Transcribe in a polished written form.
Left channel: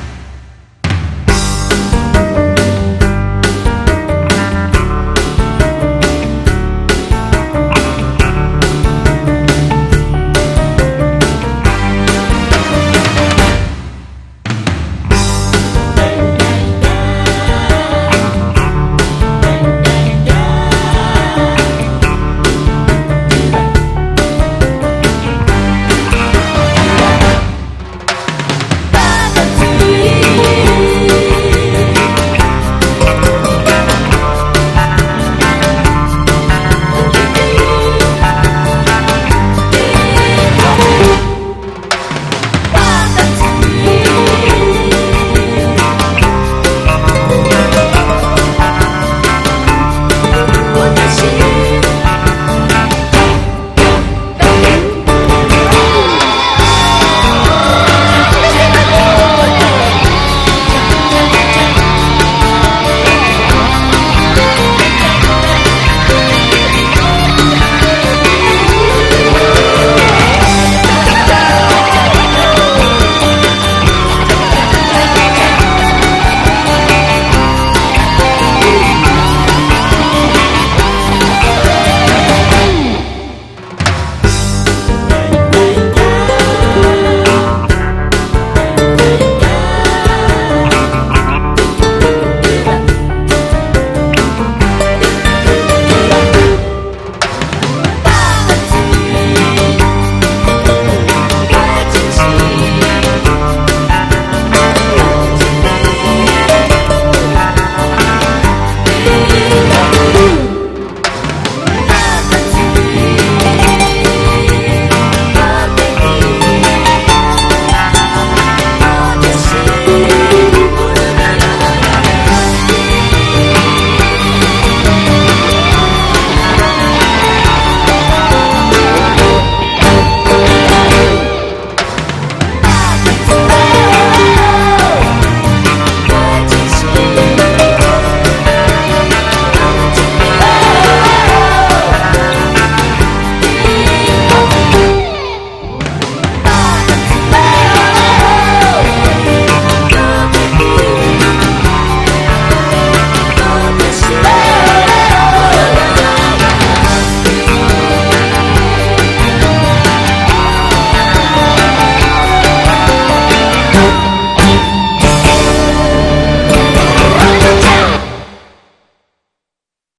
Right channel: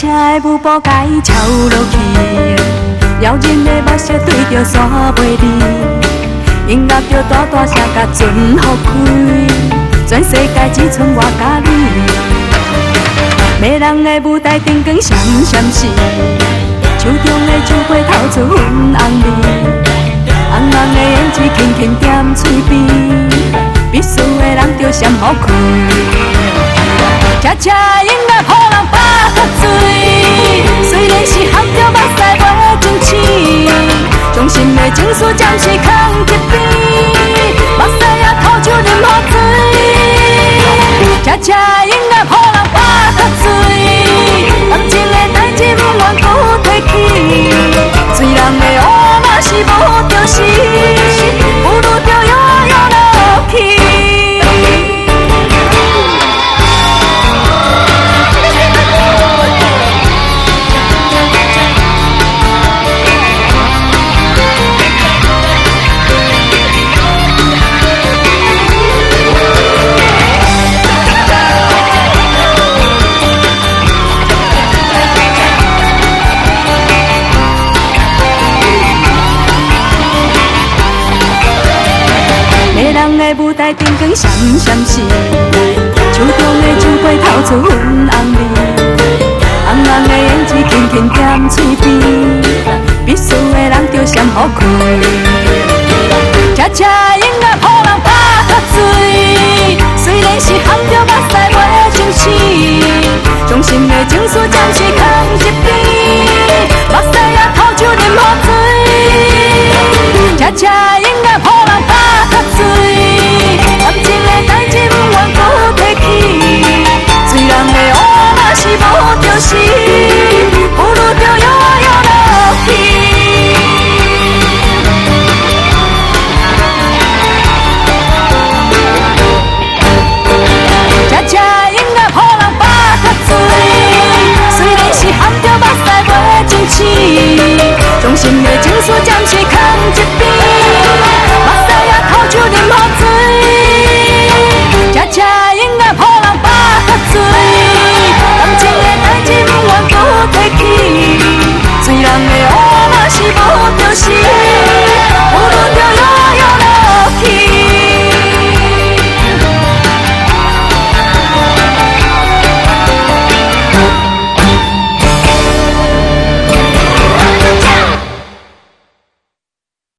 车的舞步甲伊超落去，妖人的目睭对着山袂离，音乐着大大声甲全放开，全世界只剩我甲你。迷人的舞台灯光闪闪闪，手中的酒杯透出粉红味，红红的胭脂轻轻点嘴边，必须的人着闪好开。车车音乐予人巴肚醉，虽然是含着目屎无真情，衷心的情绪暂时放一边，目屎也吐出任何水。车车音乐予人巴肚醉，感情的代志永远不提起，醉人的乌嘛是无着时，不如着摇摇落去。闪闪闪，手中的酒杯透出粉红味，红红的胭脂轻轻点